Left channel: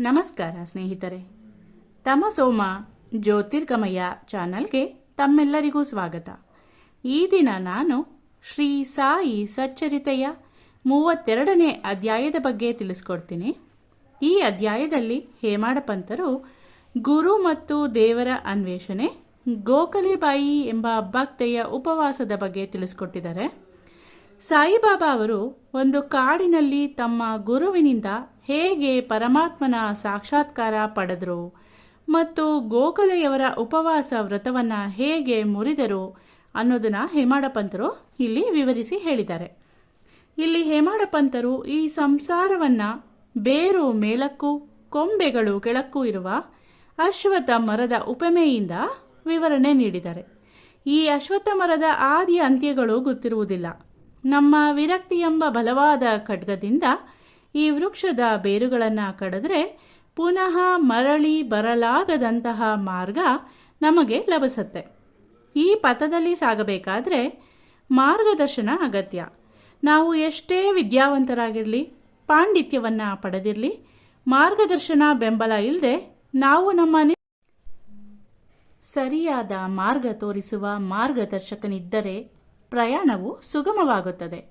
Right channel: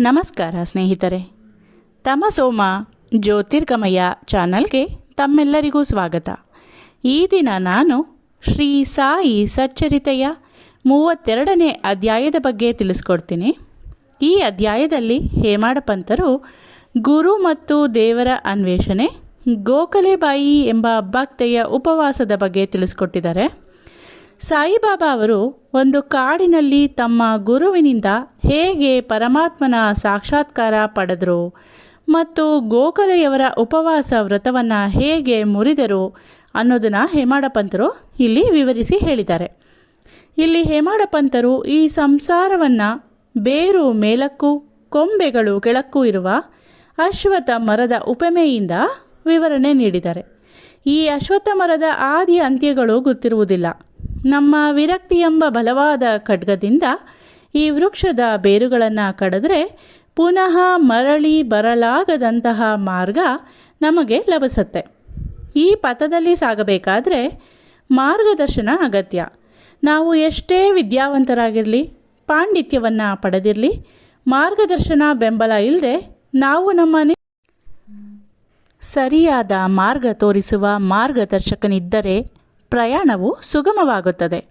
ನಮಸ್ಕಾರ ಸ್ನೇಹಿತರೆ. ತಮಸೋಮ ಜ್ಯೋತಿರ್ಗಮಯ ಚಾನಲ್ಗೆ ತಮ್ಮೆಲ್ಲರಿಗೂ ಸ್ವಾಗತ. ಈ ದಿನ ನಾನು ಶ್ರೀ ಸಾಯಿ ಸಚ್ಚರಿತೆಯ ಮೂವತ್ತೆರಡನೇ ಅಧ್ಯಾಯದ ಬಗ್ಗೆ ತಿಳಿಸ್ಕೊಡ್ತೀನಿ. ಈ ಅಧ್ಯಾಯದಲ್ಲಿ ಹೇಮಾಡಪಂತರು ಗುರು ಮತ್ತು ದೇವರ ಅನ್ವೇಷಣೆ, ಗೋಖಲೆಬಾಯಿ ಎಂಬ ಭಕ್ತೆಯ ಉಪವಾಸದ ಬಗ್ಗೆ ತಿಳಿಸ್ಕೊಟ್ಟಿದ್ದಾರೆ. ಸಾಯಿಬಾಬಾ ಅವರು ಒಂದು ಕಾಡಿನಲ್ಲಿ ತಮ್ಮ ಗುರುವಿನಿಂದ ಹೇಗೆ ಪರಮಾತ್ಮನ ಸಾಕ್ಷಾತ್ಕಾರ ಪಡೆದರು ಮತ್ತು ಗೋಖಲೆಯವರ ಉಪವಾಸ ವ್ರತವನ್ನು ಹೇಗೆ ಮುರಿದರು ಅನ್ನೋದನ್ನು ಹೇಮಾಡಪಂತರು ಇಲ್ಲಿ ವಿವರಿಸಿ ಹೇಳಿದ್ದಾರೆ. ಇಲ್ಲಿ ಹೇಮಾಡಪಂತರು ಈ ಸಂಸಾರವನ್ನು ಬೇರು ಮೇಲಕ್ಕೂ ಕೊಂಬೆಗಳು ಕೆಳಕ್ಕೂ ಇರುವ ಅಶ್ವಥ ಮರದ ಉಪಮೆಯಿಂದ ವಿವರಣೆ ನೀಡಿದ್ದಾರೆ. ಈ ಅಶ್ವತ್ಥ ಮರದ ಆದಿ ಅಂತ್ಯಗಳು ಗೊತ್ತಿರುವುದಿಲ್ಲ. ನಮ್ಮ ವಿರಕ್ತಿ ಎಂಬ ಬಲವಾದ ಖಡ್ಗದಿಂದ ಈ ವೃಕ್ಷದ ಬೇರುಗಳನ್ನು ಕಡಿದ್ರೆ ಪುನಃ ಮರಳಿ ಬರಲಾಗದಂತಹ ಮಾರ್ಗ ನಮಗೆ ಲಭಿಸುತ್ತೆ. ಈ ಪಥದಲ್ಲಿ ಸಾಗಬೇಕಾದರೆ ಮಾರ್ಗದರ್ಶನ ಅಗತ್ಯ. ನಾವು ಎಷ್ಟೇ ವಿದ್ಯಾವಂತರಾಗಿರಲಿ, ಪಾಂಡಿತ್ಯವನ್ನು ಪಡೆದಿರಲಿ, ಮಾರ್ಗದರ್ಶನ ಬೆಂಬಲ ಇಲ್ಲದೆ ನಾವು ನಮ್ಮನೆ ಸರಿಯಾದ ಮಾರ್ಗ ತೋರಿಸುವ ಮಾರ್ಗದರ್ಶಕನಿದ್ದರೆ ಪ್ರಯಾಣವು ಸುಗಮವಾಗುತ್ತದೆ.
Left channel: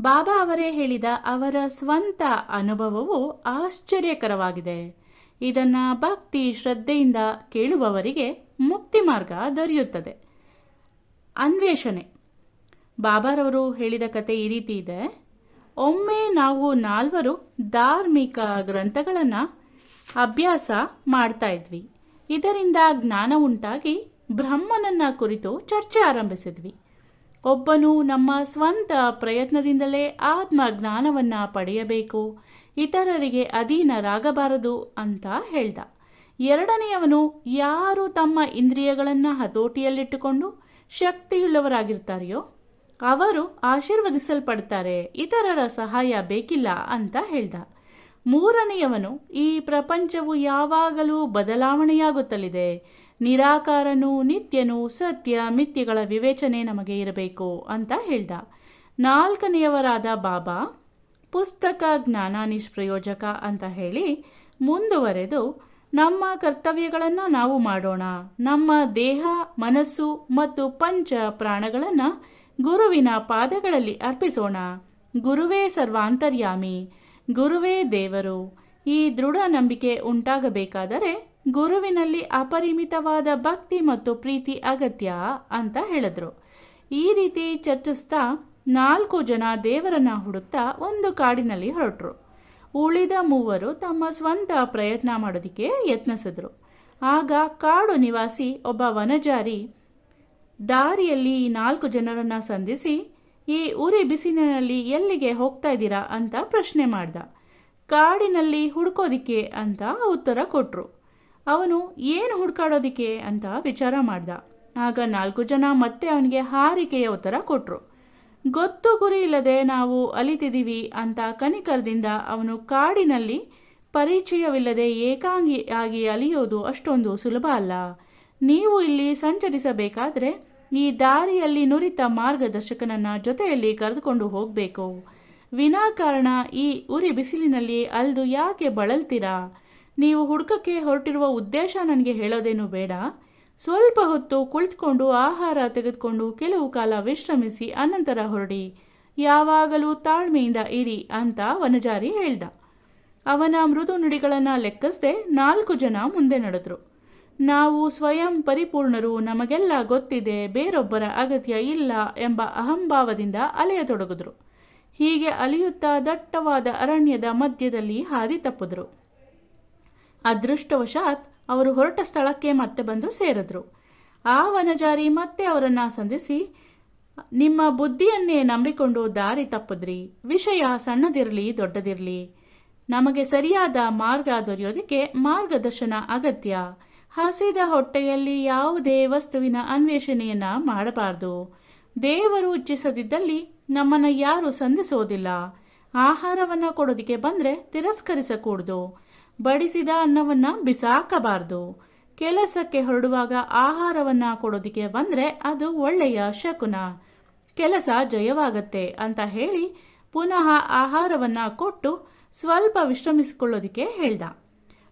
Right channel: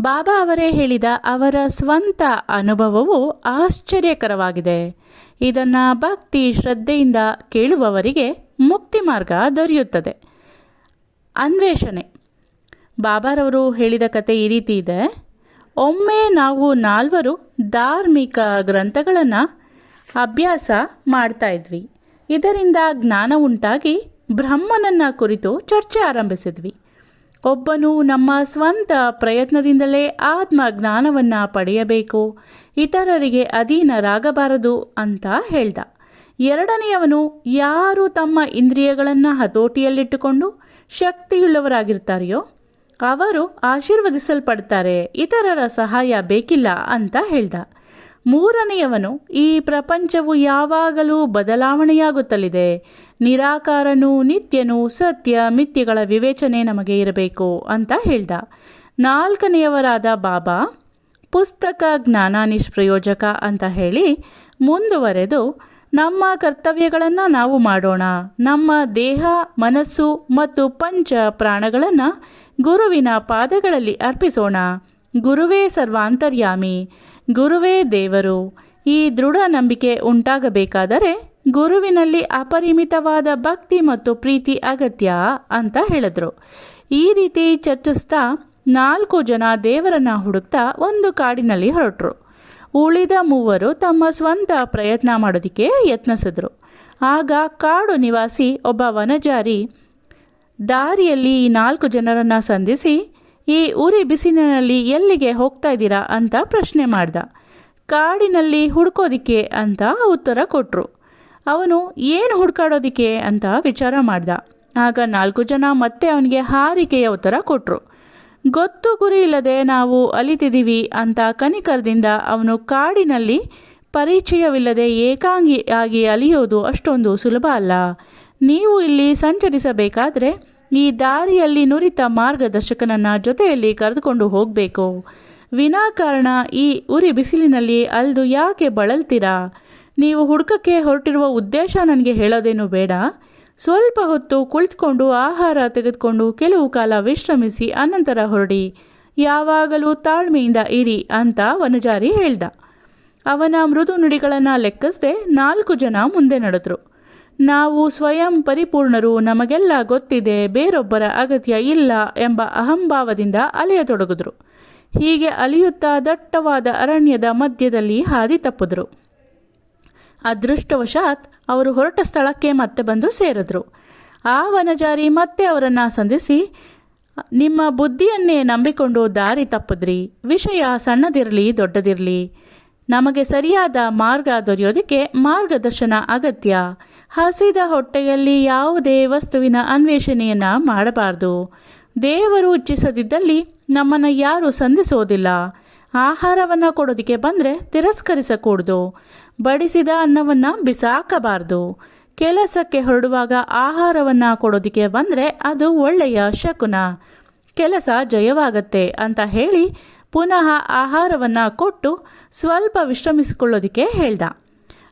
ಬಾಬಾ ಅವರೇ ಹೇಳಿದ ಅವರ ಸ್ವಂತ ಅನುಭವವು ಆಶ್ಚರ್ಯಕರವಾಗಿದೆ. ಇದನ್ನು ಭಕ್ತಿ ಶ್ರದ್ಧೆಯಿಂದ ಕೇಳುವವರಿಗೆ ಮುಕ್ತಿ ಮಾರ್ಗ ದೊರೆಯುತ್ತದೆ. ಅನ್ವೇಷಣೆ. ಬಾಬಾರವರು ಹೇಳಿದ ಕತೆ ಈ ರೀತಿ ಇದೆ. ಒಮ್ಮೆ ನಾವು ನಾಲ್ವರು ಧಾರ್ಮಿಕ ಗ್ರಂಥಗಳನ್ನು ಅಭ್ಯಾಸ ಮಾಡ್ತಾ ಇದ್ವಿ. ಇದರಿಂದ ಜ್ಞಾನ ಉಂಟಾಗಿ ಬ್ರಹ್ಮನನ್ನ ಕುರಿತು ಚರ್ಚೆ ಆರಂಭಿಸಿದ್ವಿ. ಒಬ್ಬನು ನಮ್ಮ ಸ್ವಂತ ಪ್ರಯತ್ನದಿಂದಲೇ ಆತ್ಮ ಜ್ಞಾನವನ್ನು ಪಡೆಯಬೇಕು. ಇತರರಿಗೆ ಅಧೀನರಾಗಬಾರದು ಅಂತ ಹೇಳ್ದ. ಎರಡನೆಯವನು ಯಾರು ತಮ್ಮ ಇಂದ್ರಿಯಗಳನ್ನು ಹತೋಟಿಯಲ್ಲಿಟ್ಟುಕೊಂಡು ಶಕ್ತಿಯುಳ್ಳವರಾಗಿರ್ತಾರೆಯೋ, ಅವರು ಆಶೀರ್ವದಿಸಲ್ಪಡ್ತಾರೆ, ಇತರರ ಸಹಾಯ ಬೇಕಿಲ್ಲ ಅಂತ ಹೇಳ್ದ. ಮೂರನೆಯವನು, ಈ ಪ್ರಪಂಚವು ಯಾವಾಗಲೂ ಬದಲಾವಣೆಯಾಗುತ್ತಲಿದೆ. ನಿರಾಕಾರನು ನಿತ್ಯನು ಸತ್ಯ ಮಿಥ್ಯಗಳ ವಿವೇಚನೆ ನಮಗೆ ಇರಬೇಕು ಅಂತ ಹೇಳ್ದ. ನಾಲ್ಕನೆಯವರಾದ ಬಾಬಾ, ಪುಸ್ತಕ ಜ್ಞಾನ ನಿಷ್ಪ್ರಯೋಜಕ ಅಂತ ಹೇಳಿ ಮುಂದುವರೆದು, ನಮ್ಮ ಕರ್ತವ್ಯಗಳನ್ನು ನಾವು ಮಾಡೋಣ. ನಮ್ಮ ದೇಹ, ಮನಸ್ಸು ಮತ್ತು ಪಂಚ ಪ್ರಾಣಗಳನ್ನು ಗುರುವಿನ ಪಾದಗಳಲ್ಲಿ ಅರ್ಪಿಸೋಣ. ಗುರುವೇ ಸರ್ವಾಂತರ್ಯಾಮಿ, ಗುರುವೇ ದೇವರು. ಈ ದೃಢ ನಂಬಿಕೆ ಉಂಟಾಗಬೇಕಾದರೆ ಗುರುವಿನಲ್ಲಿ ಅಪರಿಮಿತವಾದ ಭಕ್ತಿ ಮತ್ತು ಪ್ರೀತಿ ಅಗತ್ಯ ಅಂತ ಹೇಳಿದ್ರು. ಈ ರೀತಿ ಚರ್ಚಿಸ್ತಾ ನಾಲ್ಕು ಜನ ದೇವರನ್ನ ಹುಡುಕ್ತಾ ಒಂದು ಕಾಡಿನಲ್ಲಿ ಹೊರಟರು. ಉಳಿದ ಮೂವರು ತಮ್ಮ ಸ್ವಂತ ಪ್ರಯತ್ನ ಮಾಡೋದಕ್ಕೆ ಯತ್ನಿಸಿದ್ರು. ಆಗ ಕಾಡು ನಿವಾಸಿ ಒಬ್ಬ ವನಜಾರಿ ದಾರಿಯಲ್ಲಿ ಈ ನಾಲ್ಕು ಜನರನ್ನು ಸಂಧಿಸಿ, ಈ ಉರಿ ಬಿಸಿಲಿನಲ್ಲಿ ಎಲ್ಲಿಗೆ ಹೋಗ್ತಾ ಇದ್ದೀರಾ? ಅಂತ ಪ್ರಶ್ನೆ ಮಾಡ್ದ. ಕಾಡಿನಲ್ಲಿ ಹುಡುಕೋದಿಕ್ಕೆ ಅಂತ ಉತ್ತರ ಕೊಟ್ಟರು ಅವನು ಏನು ಹುಡ್ಕಾಡೋದಿಕ್ಕೆ ಅಂತ ವಿಚಾರ ಮಾಡ್ದ. ಆಗ ನಾಲ್ಕು ಜನ ಮತ್ತೆ ಅವನಿಗೆ ಹಾರಿಕೆಯ ಉತ್ತರ ಕೊಟ್ಟರು ಗೊತ್ತು ಗುರಿ ಇಲ್ಲದೆ ನಾವು ಅಲಿತಿದ್ದೀವಿ ಅಂತ ಕನಿಕರದಿಂದ ಅವನು ಕಾಡಿನಲ್ಲಿ ಪರಿಚಯವಿಲ್ಲದೆ ಏಕಾಂಗಿಯಾಗಿ ಅಲಿಯೋದು ಅಷ್ಟೊಂದು ಸುಲಭ ಅಲ್ಲ. ನೀವು ಇಲ್ಲಿ ಸಂಚರಿಸಬೇಕಾದರೆ ಈ ದಾರಿಯಲ್ಲಿ ನುರಿತ ಮಾರ್ಗದರ್ಶಕನನ್ನು ಜೊತೆಯಲ್ಲಿ ಕರೆದುಕೊಂಡು ಹೋಗಬೇಕು. ವಿನಾಕಾರಣ ಈ ಉರಿ ಬಿಸಿಲಿನಲ್ಲಿ ಅಲ್ದು ಯಾಕೆ ಬಳಲ್ತೀರಾ? ನೀವು ಹುಡುಕಕ್ಕೆ ಹೊರಟಿರುವ ಉದ್ದೇಶ ನನಗೆ ಹೇಳೋದೇನು ಬೇಡ. ಸ್ವಲ್ಪ ಹೊತ್ತು ಕುಳಿತುಕೊಂಡು ಆಹಾರ ತೆಗೆದುಕೊಂಡು ಕೆಲವು ಕಾಲ ವಿಶ್ರಮಿಸಿ ಅನಂತರ ಹೊರಡಿ. ಯಾವಾಗಲೂ ತಾಳ್ಮೆಯಿಂದ ಇರಿ ಅಂತ ವನಜಾರಿ ಹೇಳ್ದ. ಅವನ ಮೃದು ನುಡಿಗಳನ್ನು ಲೆಕ್ಕಿಸದೆ ನಾಲ್ಕು ಜನ ಮುಂದೆ ನಡೆದ್ರು. ನಾವು ಸ್ವಯಂ ಪರಿಪೂರ್ಣರು, ನಮಗೆಲ್ಲ ಗೊತ್ತಿದೆ, ಬೇರೊಬ್ಬರ ಅಗತ್ಯ ಇಲ್ಲ ಎಂಬ ಅಹಂಭಾವದಿಂದ ಅಲೆಯತೊಡಗಿದ್ರು. ಹೀಗೆ ಅಲಿಯುತ್ತಾ ದಟ್ಟವಾದ ಅರಣ್ಯದ ಮಧ್ಯದಲ್ಲಿ ಹಾದಿ ತಪ್ಪಿದ್ರು. ಅದೃಷ್ಟವಶಾತ್ ಅವರು ಹೊರಟ ಸ್ಥಳಕ್ಕೆ ಮತ್ತೆ ಬಂದು ಸೇರಿದ್ರು. ಆ ವನಜಾರಿ ಮತ್ತೆ ಅವರನ್ನು ಸಂಧಿಸಿ, ನಿಮ್ಮ ಬುದ್ಧಿಯನ್ನೇ ನಂಬಿಕೊಂಡು ದಾರಿ ತಪ್ಪಿದ್ರಿ, ವಿಷಯ ಸಣ್ಣದಿರಲಿ ದೊಡ್ಡದಿರಲಿ, ನಮಗೆ ಸರಿಯಾದ ಮಾರ್ಗ ದೊರೆಯೋದಕ್ಕೆ ಮಾರ್ಗದರ್ಶನ ಅಗತ್ಯ. ಹಸಿದ ಹೊಟ್ಟೆಯಲ್ಲಿ ಯಾವುದೇ ವಸ್ತುವಿನ ಅನ್ವೇಷಣೆಯನ್ನು ಮಾಡಬಾರ್ದು. ದೇವರು ಇಚ್ಛಿಸದಿದ್ದಲ್ಲಿ ನಮ್ಮನ್ನು ಯಾರೂ ಸಂಧಿಸೋದಿಲ್ಲ. ಆಹಾರವನ್ನು ಕೊಡೋದಕ್ಕೆ ಬಂದರೆ ತಿರಸ್ಕರಿಸಕೂಡ್ದು. ಬಡಿಸಿದ ಅನ್ನವನ್ನು ಬಿಸಾಕಬಾರ್ದು. ಕೆಲಸಕ್ಕೆ ಹೊರಡುವಾಗ ಆಹಾರವನ್ನು ಕೊಡೋದಕ್ಕೆ ಬಂದರೆ ಅದು ಒಳ್ಳೆಯ ಶಕುನ. ಕೆಲಸ ಜಯವಾಗತ್ತೆ ಅಂತ ಹೇಳಿ ಪುನಃ ಆಹಾರವನ್ನು ಕೊಟ್ಟು ಸ್ವಲ್ಪ ವಿಶ್ರಮಿಸಿಕೊಳ್ಳೋದಕ್ಕೆ ಹೇಳ್ದ.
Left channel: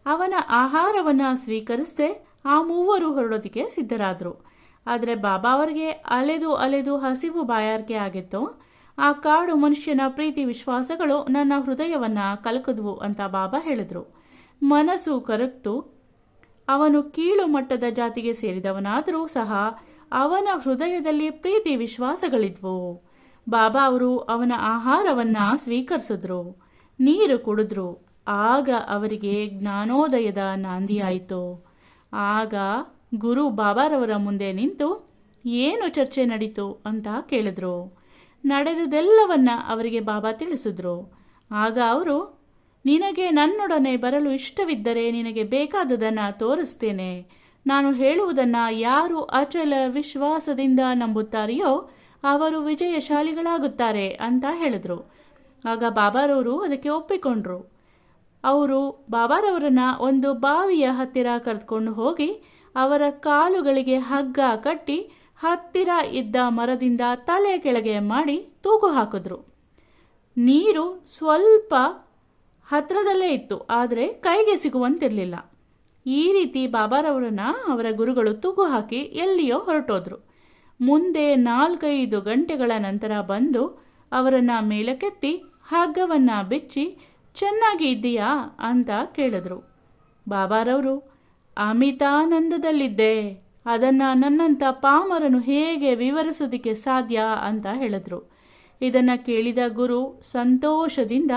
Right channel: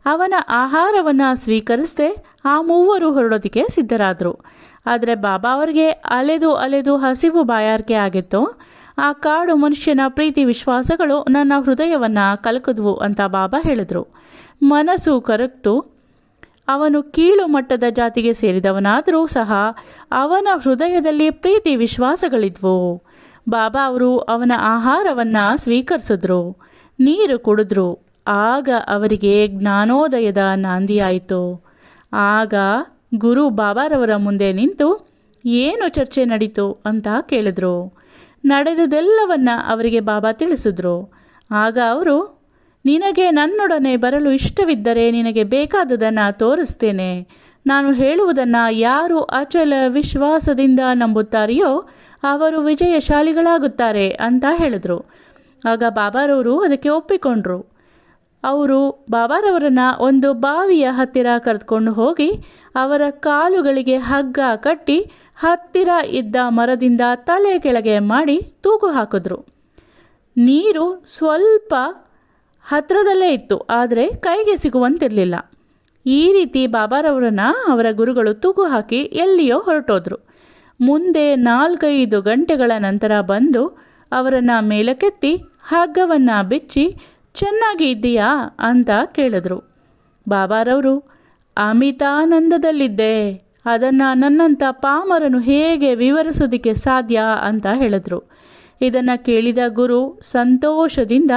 ಅವನ ಆಹಾರವನ್ನು ಸ್ವೀಕರಿಸದೆ ಆ ಮೂವರು ಹೊರಡೋದಕ್ಕೆ ಸಿದ್ಧರಾದರು. ಆದರೆ ಬಾಬಾ ಅವರಿಗೆ ಅಲೆದು ಅಲೆದು ಹಸಿವು ಬಾಯಾರಿಕೆ ಆಗಿತ್ತು. ಆ ಕಾಡು ಮನುಷ್ಯನ ಪ್ರೀತಿ ವಿಶ್ವಾಸಗಳು ನನ್ನ ಹೃದಯವನ್ನು ಕಲಕಿದ್ವು ಅಂತ ಬಾಬಾ ಹೇಳಿದರು. ಮನಸ್ಸು ಕರಗ್ತು. ಅವನು ಕೀಳು ಮಟ್ಟದ ಜಾತಿಗೆ ಸೇರಿದವನಾದರೂ ಸಹ ಅವನ ಹೃದಯದಲ್ಲಿ ಪ್ರೀತಿ ವಿಶ್ವಾಸಗಳಿದ್ವು. ಬಾಬಾ ಅವರು ಅವನ ಆಹಾರವನ್ನು ಸ್ವೀಕರಿಸಿದ್ರು, ನೀರು ಕುಡಿದ್ರು. ಆಗ ಅವರಿಗೆ ಜ್ಞಾನೋದಯದ ನಾಂದಿಯಾಯಿತು. ಆಗ ಗುರು ಬಾಬಾರವರ ಮುಂದೆ ನಿಂತು, ಏನು ಚರ್ಚೆ ನಡೀತು? ಅಂತ ಕೇಳಿದ್ರು. ನಡೆದುದೆಲ್ಲವನ್ನ ಅವರಿಗೆ ಬಾಬಾ ತಿಳಿಸಿದ್ರು. ಆಗ ಅವರು ನಿನಗೆ ನನ್ನೊಡನೆ ಬರಲು ಇಷ್ಟವಿದ್ದರೆ ನಿನಗೆ ಬೇಕಾದುದನ್ನು ತೋರಿಸ್ತೇನೆ. ನಾನು ಹೇಳುವುದನ್ನು ಯಾರು ಅಚಲ ವಿಶ್ವಾಸದಿಂದ ನಂಬುತ್ತಾರೆಯೋ ಅವರು ವಿಜಯಶಾಲಿಗಳಾಗುತ್ತಾರೆ ಅಂತ ಹೇಳಿದರು. ಆಗ ಬಾಬಾರವರು ಅದಕ್ಕೆ ಒಪ್ಪಿಕೊಂಡ್ರು. ಅವರು ಬಾಬಾರವರನ್ನು ಒಂದು ಬಾವಿಯ ಹತ್ತಿರ ಕರೆದುಕೊಂಡು ಹೋಗಿ ಅವರ ಕಾಲುಗಳಿಗೆ ಹಗ್ಗ ಕಟ್ಟಿ ಹತ್ತಿರ ಇದ್ದ ಮರದಿಂದ ತಲೆ ಕೆಳಗೆ ಮಾಡಿ ತೂಗು ಹಾಕಿದ್ರು. ನೀರು ಸ್ವಲ್ಪ ಹತ್ತಿರದಲ್ಲೇ ಇತ್ತು, ಆದರೆ ಕೈಗೆ ಸಿಗುವಂತಿರಲಿಲ್ಲ. ಈ ರೀತಿ ಬಾಬಾರವರನ್ನು ಅವರ ಗುರುಗಳು ತೂಗು ಹಾಕಿ ಎಲ್ಲಿಯೋ ಹೊರಟೋದ್ರು. ಮುಂದೆ ನಾಲ್ಕೈದು ಗಂಟೆಗಳ ನಂತರ ಬಂದು ಅವರನ್ನು ಮೇಲಕ್ಕೆತ್ತಿ ಹಗ್ಗವನ್ನು ಬಿಚ್ಚಿ, ಚೆನ್ನಾಗಿ ಇದ್ದೀಯಾ? ಅಂತ ಕೇಳಿದ್ರು. ಬಾಬಾರವರು, ಅಮಿತಾನಂದದಲ್ಲಿದ್ದೆ. ಅದನ್ನು ನನ್ನಂಥ ಪಾಮರನು ಹೇಗೆ ವಿವರಿಸೋದಕ್ಕೆ ಸಾಧ್ಯ? ಅಂತ ಹೇಳಿದ್ರು. ಇದನ್ನು ಕೇಳಿದ ಗುರು ಸಂತೋಷದಿಂದ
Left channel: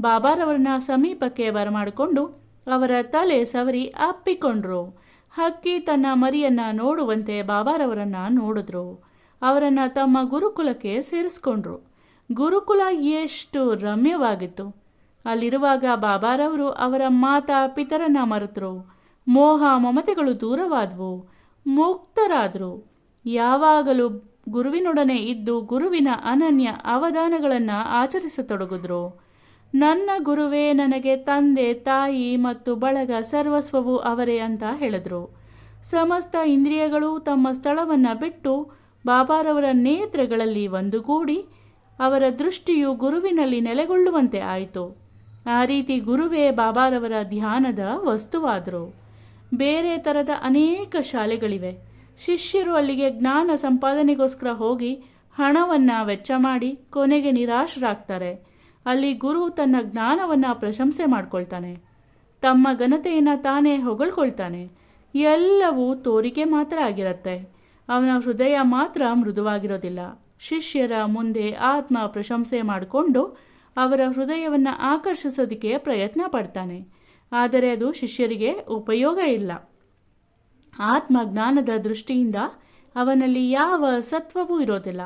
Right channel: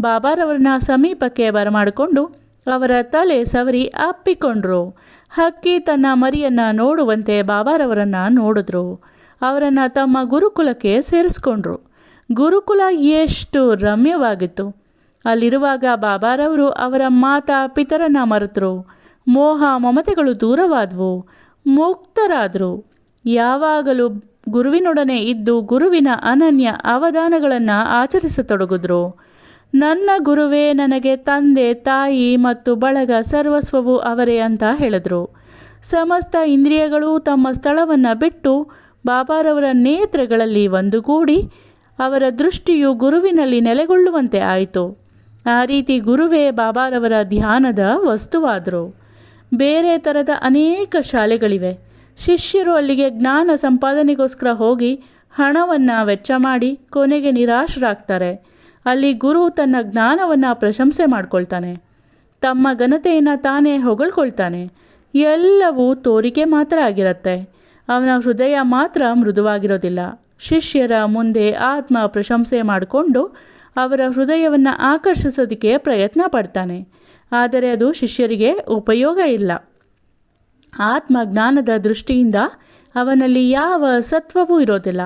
ಬಾಬಾರವರನ್ನ ಸಮೀಪಕ್ಕೆ ಬರಮಾಡಿಕೊಂಡು ಅವರ ತಲೆ ಸವರಿ ಅಪ್ಪಿಕೊಂಡ್ರು. ಹಕ್ಕಿ ತನ್ನ ಮರಿಯನ್ನು ನೋಡುವಂತೆ ಬಾಬಾರವರನ್ನು ನೋಡಿದ್ರು. ಅವರನ್ನು ತಮ್ಮ ಗುರುಕುಲಕ್ಕೆ ಸೇರಿಸ್ಕೊಂಡ್ರು. ಗುರುಕುಲ ಎಷ್ಟು ರಮ್ಯವಾಗಿತ್ತು. ಅಲ್ಲಿರುವಾಗ ಬಾಬಾರವರು ಅವರ ಮಾತಾ ಪಿತರನ್ನ ಮರೆತರು. ಮೋಹ ಮಮತೆಗಳು ದೂರವಾದವು. ಮುಕ್ತರಾದರು. ಯಾವಾಗಲೂ ಗುರುವಿನೊಡನೆ ಇದ್ದು ಗುರುವಿನ ಅನನ್ಯ ಅವಧಾನಗಳನ್ನು ಆಚರಿಸತೊಡಗಿದ್ರು. ನನ್ನ ಗುರುವೇ, ನನಗೆ ತಂದೆ, ತಾಯಿ ಮತ್ತು ಬಳಗ ಸರ್ವಸ್ವವು ಅವರೇ ಅಂತ ಹೇಳಿದರು. ಸಮಸ್ತ ಇಂದ್ರಿಯಗಳು ತಮ್ಮ ಸ್ಥಳವನ್ನು ಬಿಟ್ಟು ಬಾಬಾರವರ ನೇತ್ರಗಳಲ್ಲಿ ಒಂದುಗೂಡಿ ಅವರ ದೃಷ್ಟಿಯು ಗುರುವಿನಲ್ಲಿ ನೆಲೆಗೊಳ್ಳುವಂತೆ ಆಯಿತು. ಆ ರೀತಿ ಗುರುವೇ ಬಾಬಾರವರ ಧ್ಯಾನದ ವಸ್ತುವಾದರು. ಬೇರೆ ಥರದ ಅನೇಕ ಶಾಲೆಗಳಿವೆ. ಶಿಷ್ಯರು ಅಲ್ಲಿಗೆ ಜ್ಞಾನ ಸಂಪಾದನೆಗೋಸ್ಕರ ಹೋಗಿ ಹಣವನ್ನು ವೆಚ್ಚ ಮಾಡಿ ಕೊನೆಗೆ ನಿರಾಶರಾಗ್ತಾರೆ. ಅಲ್ಲಿ ಗುರು ತನ್ನ ಜ್ಞಾನವನ್ನು ಪ್ರಶಂಸೆ ಮಾಡ್ಕೊಳ್ತಾನೆ. ತಮ್ಮ ಘನತೆಯನ್ನು ತಾನೇ ಹೊಗಳ್ಕೊಳ್ತಾನೆ. ಎಲ್ಲವೂ ತೋರಿಕೆ ಮಾತ್ರ ಆಗಿರುತ್ತೆ. ಅವನ ಹೃದಯ ಮಾತ್ರ ಮೃದುವಾಗಿರೋದಿಲ್ಲ. ಶಿಷ್ಯರ ಮುಂದೆ ಆತ್ಮ ಪ್ರಶಂಸೆ ಮಾಡಿಕೊಂಡು ಅವರ ಹೃದಯವನ್ನು ಆಕರ್ಷಿಸೋದಕ್ಕೆ ಪ್ರಯತ್ನ ಪಡ್ತಾನೆ. ಆದರೆ ಅದು ಶಿಷ್ಯರಿಗೆ ಉಪಯೋಗ ಇಲ್ಲ. ಆತ್ಮ ಜ್ಞಾನದ ದೃಷ್ಟಿಯಿಂದ ಅವನಲ್ಲಿ ಯಾವ ಸತ್ವವೂ ಇರೋದಿಲ್ಲ.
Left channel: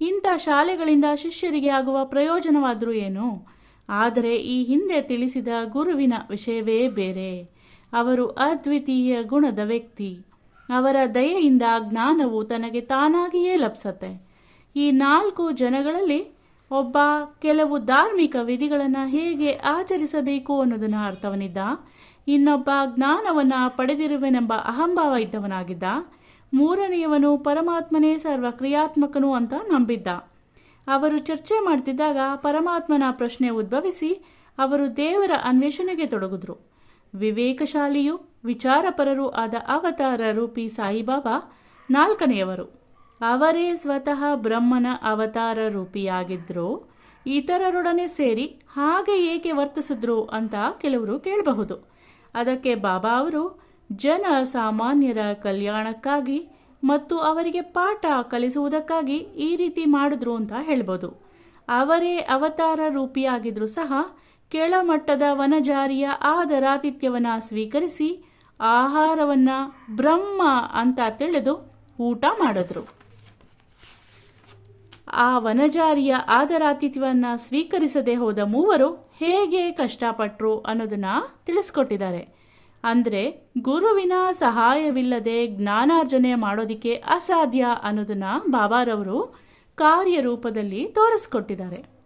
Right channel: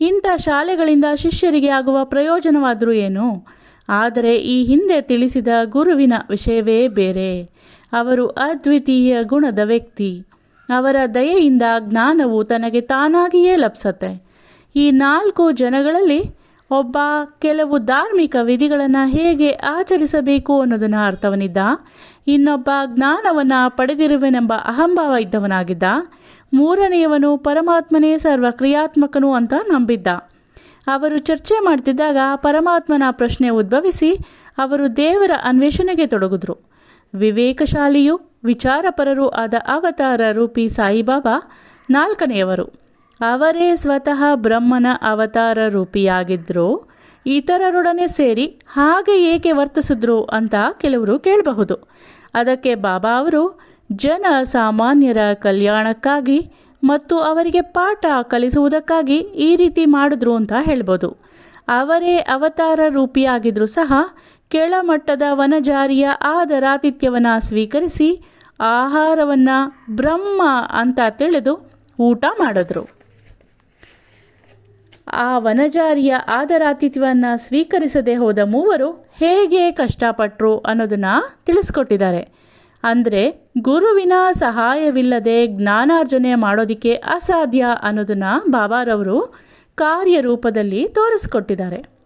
ಇಂಥ ಶಾಲೆಗಳಿಂದ ಶಿಷ್ಯರಿಗೆ ಆಗುವ ಪ್ರಯೋಜನವಾದರೂ ಏನು? ಆದರೆ ಈ ಹಿಂದೆ ತಿಳಿಸಿದ ಗುರುವಿನ ವಿಷಯವೇ ಬೇರೆ. ಅವರು ಅದ್ವಿತೀಯ ಗುಣದ ವ್ಯಕ್ತಿ. ಅವರ ದಯೆಯಿಂದ ಜ್ಞಾನವು ತನಗೆ ತಾನಾಗಿಯೇ ಲಭಿಸತ್ತೆ. ಈ ನಾಲ್ಕು ಜನಗಳಲ್ಲಿ ಒಬ್ಬ ಕೆಲವು ಧಾರ್ಮಿಕ ವಿಧಿಗಳನ್ನು ಹೇಗೆ ಆಚರಿಸಬೇಕು ಅನ್ನೋದನ್ನು ಅರ್ಥವನಿದ್ದ, ಇನ್ನೊಬ್ಬ ಜ್ಞಾನವನ್ನು ಪಡೆದಿರುವೆನೆಂಬ ಅಹಂಭಾವ ಇದ್ದವನಾಗಿದ್ದ ಮೂರನೆಯವನು ಪರಮಾತ್ಮನೇ ಸರ್ವಕ್ರಿಯಾತ್ಮಕನು ಅಂತ ನಂಬಿದ್ದ. ಅವರು ಚರ್ಚೆ ಮಾಡ್ತಿದ್ದಾಗ ಪರಮಾತ್ಮನ ಪ್ರಶ್ನೆ ಉದ್ಭವಿಸಿ ಅವರು ದೇವರ ಅನ್ವೇಷಣೆಗೆ ತೊಡಗಿದ್ರು. ವಿವೇಕಶಾಲಿಯು ವಿಚಾರಪರರೂ ಆದ ಅವತಾರ ರೂಪಿ ಸಾಯಿಬಾಬಾ ನಾಲ್ಕನೆಯವರು. ಅವರೇ ಸ್ವತಃ ಬ್ರಹ್ಮನ ಅವತಾರ ರೂಪಿಯಾಗಿದ್ದರು ಇತರರೊಡನೆ ಸೇರಿ ಹಾಗೆ ಏಕೆ ವರ್ತಿಸಿದ್ರು ಅಂತ ಕೆಲವರು ಕೇಳಬಹುದು. ಅದಕ್ಕೆ ಬಾಬಾ ಅವರು ಜನ ಸಾಮಾನ್ಯರ ಕಲ್ಯಾಣಕ್ಕಾಗಿ ಮತ್ತು ಅವರಿಗೆ ಪಾಠ ಕಲಿಸುವುದಕ್ಕಾಗಿ ಈ ರೀತಿ ಮಾಡಿದ್ರು ಅಂತ ಹೇಳ್ಬೋದು. ಅವರೇ ಅವತಾರ ರೂಪಿಯಾಗಿದ್ದರೂ ಸಹ ಕೆಳಮಟ್ಟದ ವನಜಾರಿಯ ಆದರಾತಿಥ್ಯವನ್ನು ಸ್ವೀಕರಿಸಿ ಆಹಾರವನ್ನು ಬ್ರಹ್ಮ ಅಂತ ತಿಳಿದು ಊಟ ಮಾಡಿದ್ರು. ಆ ವನಜಾರಿಯ ಆದರಾತಿಥ್ಯವನ್ನು ಸ್ವೀಕರಿಸದೆ ಹೋದ ಮೂವರು ಹೇಗೆ ಕಷ್ಟಪಟ್ಟರು ಅನ್ನೋದನ್ನು ತಿಳಿಸ್ಕೊಟ್ಟಿದ್ದಾರೆ. ಅಂದರೆ ಗುರುವಿನ ಸಹಾಯವಿಲ್ಲದೆ ಜ್ಞಾನಾರ್ಜನೆ ಮಾಡೋದಕ್ಕೆ ಅಸಾಧ್ಯ ಅನ್ನೋದನ್ನು ಬಾಬಾರವರು ಕಾರ್ಯರೂಪದಲ್ಲಿ ತೋರಿಸ್ಕೊಟ್ಟಿದ್ದಾರೆ.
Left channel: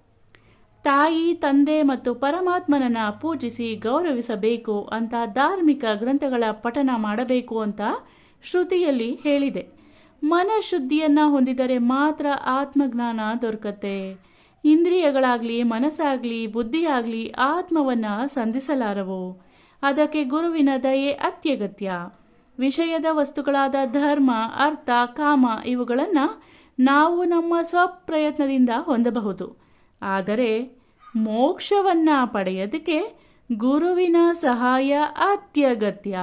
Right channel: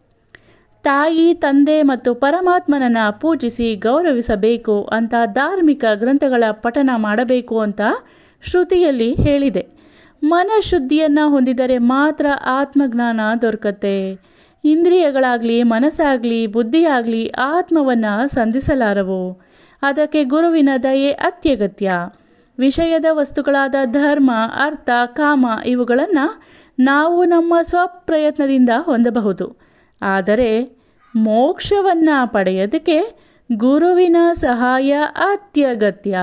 ತಾಯಿ, ತಂದೆ ಮತ್ತು ಪರಮಾತ್ಮನನ್ನು ಪೂಜಿಸಿ ಗೌರವಿಸಬೇಕು ಅಂತ ಧಾರ್ಮಿಕ ಗ್ರಂಥಗಳ ಪಠನ ಮಾಡಬೇಕು ಅಂತ ಶ್ರುತಿಯಲ್ಲಿ ಹೇಳಿದೆ. ಮನಃಶುದ್ಧಿಯನ್ನು ಹೊಂದಿದರೆ ಮಾತ್ರ ಆತ್ಮಜ್ಞಾನ ದೊರಕತ್ತೆ. ಇಂದ್ರಿಯಗಳಾಗಲಿ, ಮನಸ್ಸಾಗಲಿ, ಬುದ್ಧಿಯಾಗಲಿ ಆತ್ಮವನ್ನು ಸಂಧಿಸಲಾರವು. ಅದಕ್ಕೆ ಗುರುವಿನ ದಯೆ ಅತ್ಯಗತ್ಯ. ವಿಷಯದ ವಸ್ತುಗಳಾದ ಧರ್ಮ, ಅರ್ಥ, ಕಾಮ ಇವುಗಳನ್ನು ನಾವು ನಮ್ಮ ಸ್ವಪ್ರಯತ್ನದಿಂದ ಹೊಂದಬಹುದು. ಆದರೆ ಮೋಕ್ಷವನ್ನು ಪಡೆಯೋದಕ್ಕೆ ಗುರುವಿನ ಸಹಾಯ ಅತ್ಯಗತ್ಯ.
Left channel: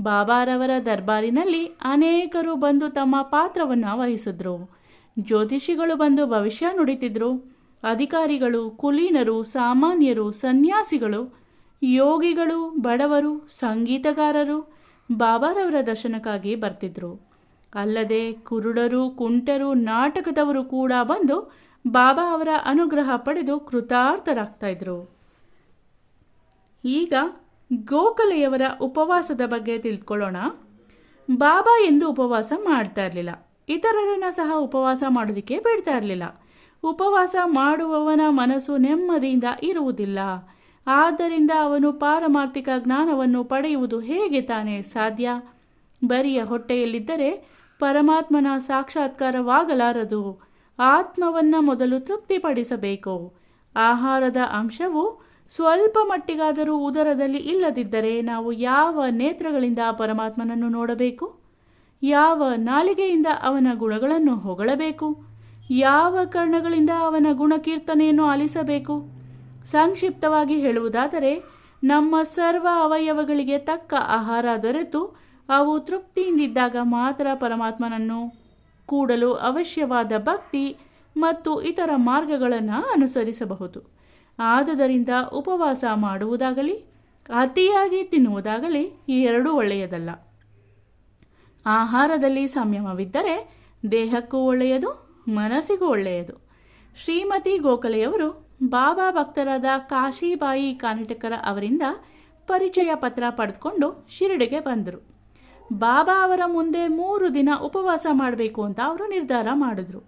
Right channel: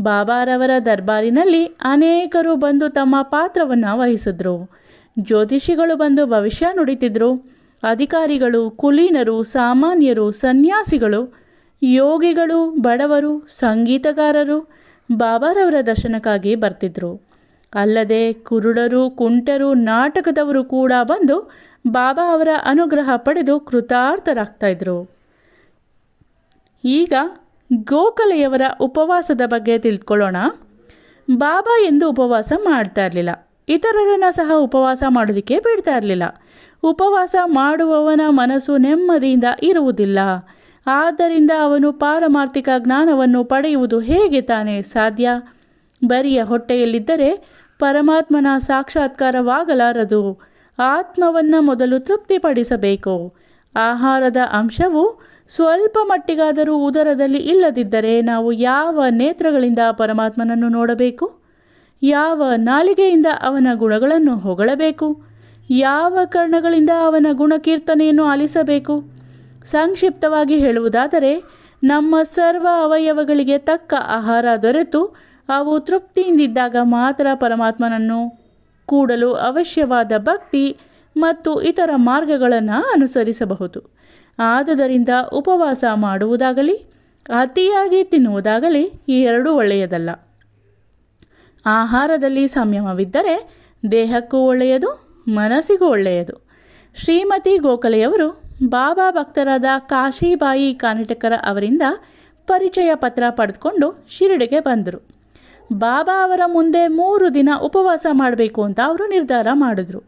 ಬಾಬಾರವರ ದರ್ಬಾರಿನಲ್ಲಿ ಅನೇಕರು ಬಂದು ತಮ್ಮ ಪಾತ್ರವನ್ನು ವಹಿಸಿದ್ರು. ಜ್ಯೋತಿಷಿಗಳು ಬಂದು ಭವಿಷ್ಯ ನುಡಿತಿದ್ರು. ಅಧಿಕಾರಿಗಳು, ಕುಲೀನರು, ಸಾಮಾನ್ಯರು, ಸನ್ಯಾಸಿಗಳು ಯೋಗಿಗಳು, ಬಡವರು, ಸಂಗೀತಗಾರರು ಬಾಬಾರವರ ದರ್ಶನಕ್ಕಾಗಿ ಬರ್ತಿದ್ರು. ಅಲ್ಲದೆ ಕುರುಡರು, ಕುಂಟರು, ನಾಟಕದವರು ಕೂಡ ಬಂದು ಬಾಬಾ ಅವರ ಅನುಗ್ರಹ ಪಡೆದು ಕೃತಾರ್ಥರಾಗ್ತಾಯಿದ್ರು ಈಗ ಗೋಖಲೆಯವರ ಉಪವಾಸದ ಬಗ್ಗೆ ತಿಳ್ಕೊಳ್ಳೋಣ. ಬಾಬಾ ಎಂದು ಉಪವಾಸ ಮಾಡ್ತಾ ಇರಲಿಲ್ಲ. ಇತರರನ್ನು ಸಹ ಉಪವಾಸ ಮಾಡೋದಕ್ಕೆ ಬಿಡ್ತಾ ಇರಲಿಲ್ಲ. ಉಪವಾಸ ಮಾಡುವವನ ಮನಸ್ಸು ನೆಮ್ಮದಿಯಿಂದ ಇರುವುದಿಲ್ಲ. ಆದ್ದರಿಂದ ಅವನು ಪಾರಮಾರ್ಥಿಕ ಜ್ಞಾನವನ್ನು ಪಡೆಯುವುದು ಹೇಗೆ ತಾನೇ ಸಾಧ್ಯ? ಬರಿಯ ಹೊಟ್ಟೆಯಲ್ಲಿದ್ದರೆ ಪರಮಾತ್ಮನ ಸಾಕ್ಷಾತ್ಕಾರವಾಗಲಾರದು. ಆತ್ಮವನ್ನು ಮೊದಲು ತೃಪ್ತಿಪಡಿಸಬೇಕು. ಆಹಾರದ ಅಂಶವು ಸ್ವಲ್ಪ ಮಟ್ಟಿಗಾದರೂ ಉದರದಲ್ಲಿ ಇಲ್ಲದಿದ್ದರೆ ನಾವು ಯಾವ ನೇತ್ರಗಳಿಂದ ಪರಮಾತ್ಮನನ್ನು ನೋಡಬೇಕು? ಯಾವ ನಾಲಿಗೆಯಿಂದ ಅವನ ಗುಣಗಳನ್ನು ಹೊಗಳಬೇಕು? ಯಾವ ಕರ್ಣಗಳಿಂದ ಅವನ ಗುಣಕೀರ್ತನೆಯನ್ನು ಆಲಿಸಬೇಕು? ಸಂಕ್ಷಿಪ್ತವಾಗಿ ಹೇಳುವುದಾದರೆ, ನಮ್ಮ ಸರ್ವ ಅವಯವಗಳಿಗೆ ತಕ್ಕ ಆಹಾರ ದೊರೆತು, ಅವು ತೃಪ್ತಿಯಿಂದಿದ್ದಾಗ ಮಾತ್ರ ಪರಮಾತ್ಮನನ್ನು ಕೂಡಲು ಅವಶ್ಯವಾದ ಭಕ್ತಿ ಮತ್ತು ಇತರ ಮಾರ್ಗಗಳನ್ನು ಅನುಸರಿಸಬಹುದು. ಆದುದರಿಂದ ಉಪವಾಸ ಮಾಡುವುದಾಗಲಿ, ಅತಿಯಾಗಿ ತಿನ್ನುವುದಾಗಲಿ ಈ ಎರಡೂ ಒಳ್ಳೆಯದಲ್ಲ. ಆಹಾರದಲ್ಲಿ ಸಂಯಮವಿದ್ದರೆ ದೇಹಕ್ಕೂ ಒಳ್ಳೆಯದು, ಮನಸ್ಸಿಗೂ ಒಳ್ಳೆಯದು. ಶ್ರೀಮತಿ ಗೋಖಲೆಯವರು ಬಾಬಾ ಭಕ್ತರಾದ ಕಾಶಿಬಾಯಿ ಕಾನಟಕರ ಅವರಿಂದ ಪರಿಚಯ ಪತ್ರ ಪಡೆದುಕೊಂಡು ಶಿರಡಿಗೆ ಬಂದರು. ಬಾಬಾ ಅವರ ಮುಂದೆ ಮೂರು ದಿನ ಉಪವಾಸ ಮಾಡಬೇಕು ಅಂತ ಅವರು ನಿರ್ಧಾರ ಮಾಡಿದ್ರು.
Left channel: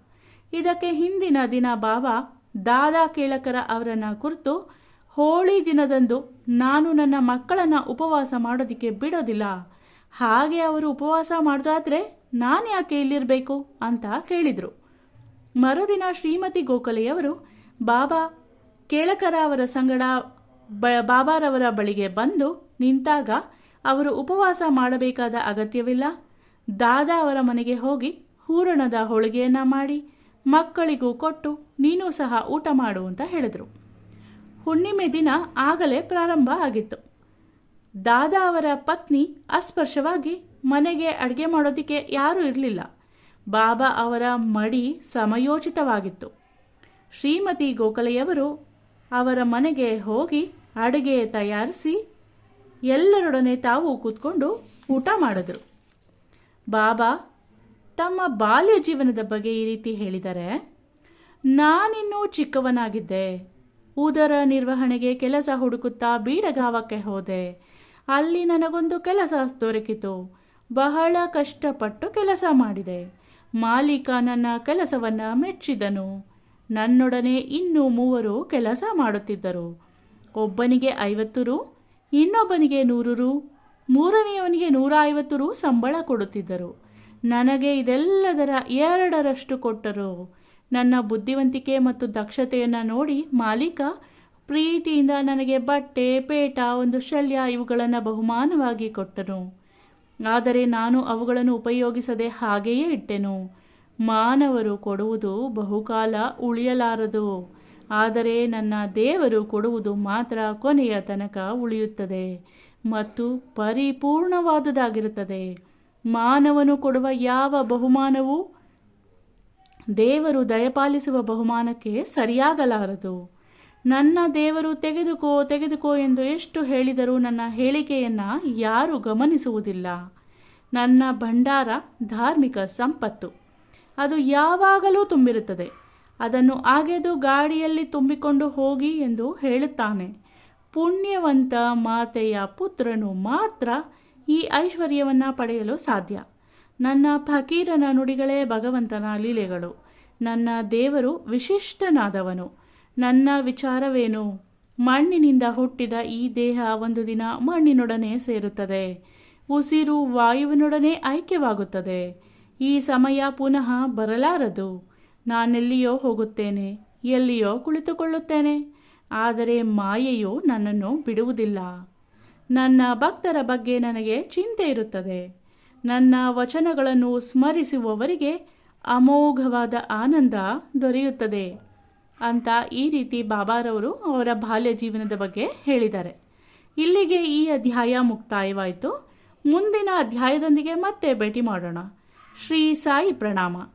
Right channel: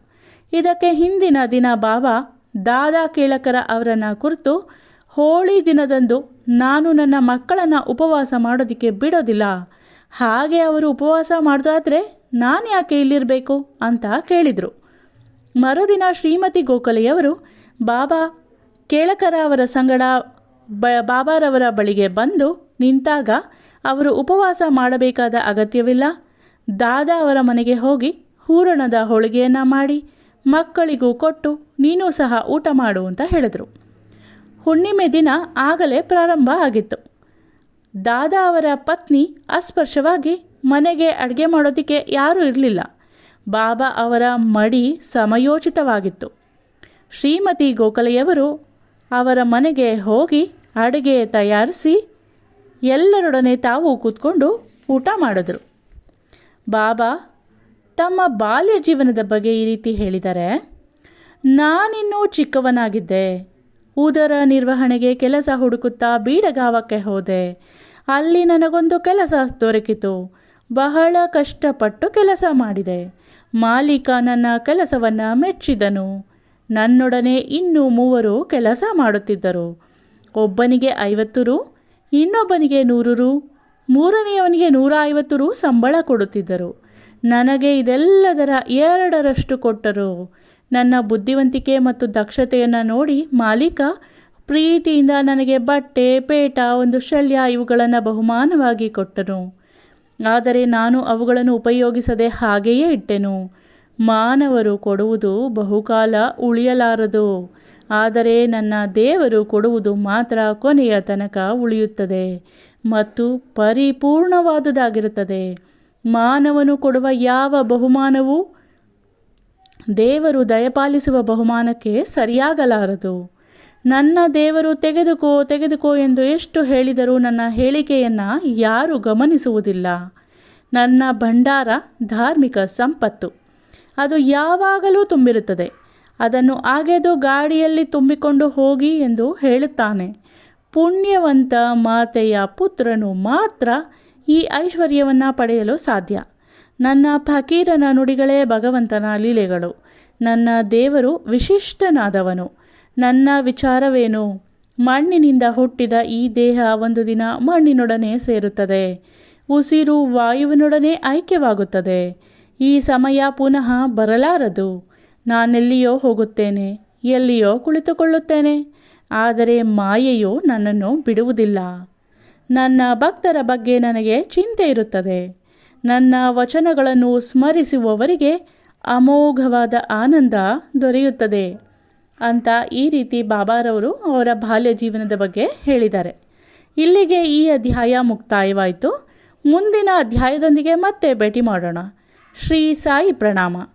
ಇದಕ್ಕೆ ಹಿಂದಿನ ದಿನ ಬಾಬಾ ದಾದಾ ಕೇಳಕರ ಅವರನ್ನು ಕುರಿತು, ಹೋಳಿ ದಿನದಂದು ನಾನು ನನ್ನ ಮಕ್ಕಳನ್ನು ಉಪವಾಸ ಮಾಡೋದಕ್ಕೆ ಬಿಡೋದಿಲ್ಲ. ಹಾಗೆ ಅವರು ಉಪವಾಸ ಮಾಡೋದಾದರೆ ನಾನು ಯಾಕೆ ಇಲ್ಲಿರಬೇಕು? ಅಂತ ಕೇಳಿದರು. ಮರುದಿನ ಶ್ರೀಮತಿ ಗೋಖಲೆಯವರು, ಬಾಬಾ ಕೇಳಕರ ಅವರ ಸಂಗಡ ಬ, ಬಾಬಾರವರ ಬಳಿಗೆ ಬಂದು ನಿಂತಾಗ ಅವರು ಉಪವಾಸ ಮಾಡಬೇಕಾದ ಅಗತ್ಯವಿಲ್ಲ. ದಾದಾ ಅವರ ಮನೆಗೆ ಹೋಗಿ ಹೂರಣದ ಹೋಳಿಗೆಯನ್ನು ಮಾಡಿ ಮಕ್ಕಳಿಗೂ ಕೊಟ್ಟು ನೀನು ಸಹ ಊಟ ಮಾಡು ಅಂತ ಹೇಳಿದರು. ಹುಣ್ಣಿಮೆ ದಿನ ಆಗಲೇ ಪ್ರಾರಂಭ ಆಗಿತ್ತು. ದಾದಾ ಅವರ ಪತ್ನಿ ಅಸ್ಪರ್ಶವಾಗಿ ಮನೆಗೆ ಅಡುಗೆ ಮಾಡೋದಕ್ಕೆ ಯಾರೂ ಇರಲಿಲ್ಲ. ಬಾಬಾ ಅವರ ಮಡಿ ಸಮಯೋಚಿತವಾಗಿತ್ತು. ಶ್ರೀಮತಿ ಗೋಖಲೆಯವರು ಅವರ ಮನೆಗೆ ಹೋಗಿ ಅಡುಗೆ ತಯಾರಿಸಿ ಎಲ್ಲರೊಡನೆ ತಾವು ಕೂತ್ಕೊಂಡು ಊಟ ಮಾಡಿದ್ರು. ಬಾಬಾ, ತಮ್ಮ ಬಾಲ್ಯ ಜೀವನದ ಬಗ್ಗೆ ಈ ರೀತಿ ಹೇಳಿದ್ದಾರೆ ನಾನಿನ್ನೂ ಚಿಕ್ಕವನಾಗಿದ್ದೆ. ಉದರ ನಿರ್ವಹಣೆಗೆ ಕೆಲಸ ಹುಡುಕುತ್ತಾ ಬೀಡಗಾವಕ್ಕೆ ಹೋದೆ. ಅಲ್ಲಿ ನನಗೊಂದು ಕೆಲಸ ದೊರಕಿತು. ಬಹಳ ಕಷ್ಟಪಟ್ಟು ಕೆಲಸ ಮಾಡಿದೆ. ಮಾಲೀಕ ನನ್ನ ಕೆಲಸವನ್ನು ಮೆಚ್ಚಿದನು. ನನ್ನೊಡನೆ ಇನ್ನೂ ಮೂವರು ಕೆಲಸ ಮಾಡುತ್ತಿದ್ದರು. ಒಬ್ಬನಿಗೆ ಐವತ್ತು ರು, ಇನ್ನೊಬ್ಬನಿಗೆ ನೂರು ರು, ಮೂರನೆಯವನಿಗೆ ನೂರ ಐವತ್ತು ರು ಸಂಬಳ ಕೊಡುತ್ತಿದ್ದರು. ನನಗೆ ಇದೆಲ್ಲದರ ಎರಡರಷ್ಟು ಕೊಟ್ಟರು. ನನ್ನ ಬುದ್ಧಿವಂತಿಕೆ ಮತ್ತು ದಕ್ಷತೆಯನ್ನು ನೋಡಿ ಮಾಲೀಕ ಪ್ರೀತಿಯಿಂದ ನನಗೆ ಬಟ್ಟೆ, ಪೇಟ, ಒಂದು ಶಲ್ಯ ಇವುಗಳನ್ನು ಬಹುಮಾನವಾಗಿ ಕೊಟ್ಟನು. ಆದರೆ ನಾನು ಅವುಗಳನ್ನು ಉಪಯೋಗಿಸದೆ ಹಾಗೆಯೇ ಇಟ್ಟೆನು. ಮಾನವರು ಕೊಡುವುದು ಬಹುಕಾಲ ಉಳಿಯಲಾರದು. ಆದರೆ ನನ್ನ ದೇವರು ಕೊಡುವುದು ಮಾತ್ರ ಕೊನೆಯ ತನಕ ಉಳಿಯುತ್ತದೆ ಮತ್ತು ಪರಿಪೂರ್ಣವಾದುದಾಗಿರುತ್ತದೆ. ಮಾನವನು ಕೊಡುವ ಯಾವ ಬಹುಮಾನವೂ ದೇವರು ದಯಪಾಲಿಸುವ ಬಹುಮಾನಕ್ಕೆ ಸರಿಯಾಗಲಾರದು. ನನ್ನ ದೇವರು ತೆಗೆದುಕೋ ತೆಗೆದುಕೋ ಎಂದು ಎಷ್ಟು ಹೇಳಿದರೂ ನನ್ನ ಹೇಳಿಕೆಯನ್ನು ಯಾರೂ ಗಮನಿಸುವುದಿಲ್ಲ. ನನ್ನ ಭಂಡಾರ ಧಾರ್ಮಿಕ ಸಂಪತ್ತು. ಅದು ಯಾವಾಗಲೂ ತುಂಬಿರುತ್ತದೆ. ಅದನ್ನು ಅಗೆದು ಗಾಡಿಯಲ್ಲಿ ತುಂಬಿಕೊಂಡು ಹೋಗಿ ಎಂದು ಹೇಳುತ್ತಾನೆ. ಪುಣ್ಯವಂತ ಮಾತೆಯ ಪುತ್ರನು ಮಾತ್ರ ಈ ಐಶ್ವರ್ಯವನ್ನು ಪಡೆಯಲು ಸಾಧ್ಯ. ನನ್ನ ಫಕೀರನ ನುಡಿಗಳೇ ಭಗವಂತನ ಲೀಲೆಗಳು. ನನ್ನ ದೇವರು ವಿಶಿಷ್ಟನಾದವನು. ನನ್ನ ವಿಚಾರವೇನು? ಮಣ್ಣಿನಿಂದ ಹುಟ್ಟಿದ ಈ ದೇಹ ಒಂದು ದಿನ ಮಣ್ಣಿನೊಡನೆ ಸೇರುತ್ತದೆ. ಉಸಿರು ವಾಯುವಿನೊಡನೆ ಐಕ್ಯವಾಗುತ್ತದೆ. ಈ ಸಮಯ ಪುನಃ ಬರಲಾರದು. ನಾನೆಲ್ಲಿಯೋ ಹೋಗುತ್ತೇನೆ, ಎಲ್ಲಿಯೋ ಕುಳಿತುಕೊಳ್ಳುತ್ತೇನೆ. ಆದರೆ ಮಾಯೆಯು ನನ್ನನ್ನು ಬಿಡುವುದಿಲ್ಲ. ನನ್ನ ಭಕ್ತರ ಬಗ್ಗೆ ನನಗೆ ಚಿಂತೆ ಇರುತ್ತದೆ. ನನ್ನ ವಚನಗಳನ್ನು ಸ್ಮರಿಸುವವರಿಗೆ ಅಮೋಘವಾದ ಆನಂದ ದೊರೆಯುತ್ತದೆ ಅಂತ ಈ ರೀತಿ ಬಾಬಾರವರು ಅವರ ಬಾಲ್ಯ ಜೀವನದ ಬಗ್ಗೆ ಹೇಳಿದ್ದಾರೆ. ಇಲ್ಲಿಗೆ ಈ ಅಧ್ಯಾಯ ಮುಕ್ತಾಯವಾಯಿತು. ಮುಂದಿನ ಅಧ್ಯಾಯದೊಂದಿಗೆ ಮತ್ತೆ ಭೇಟಿ ಮಾಡೋಣ. ಶ್ರೀ ಸಾಯಿ ಪ್ರಣಾಮ.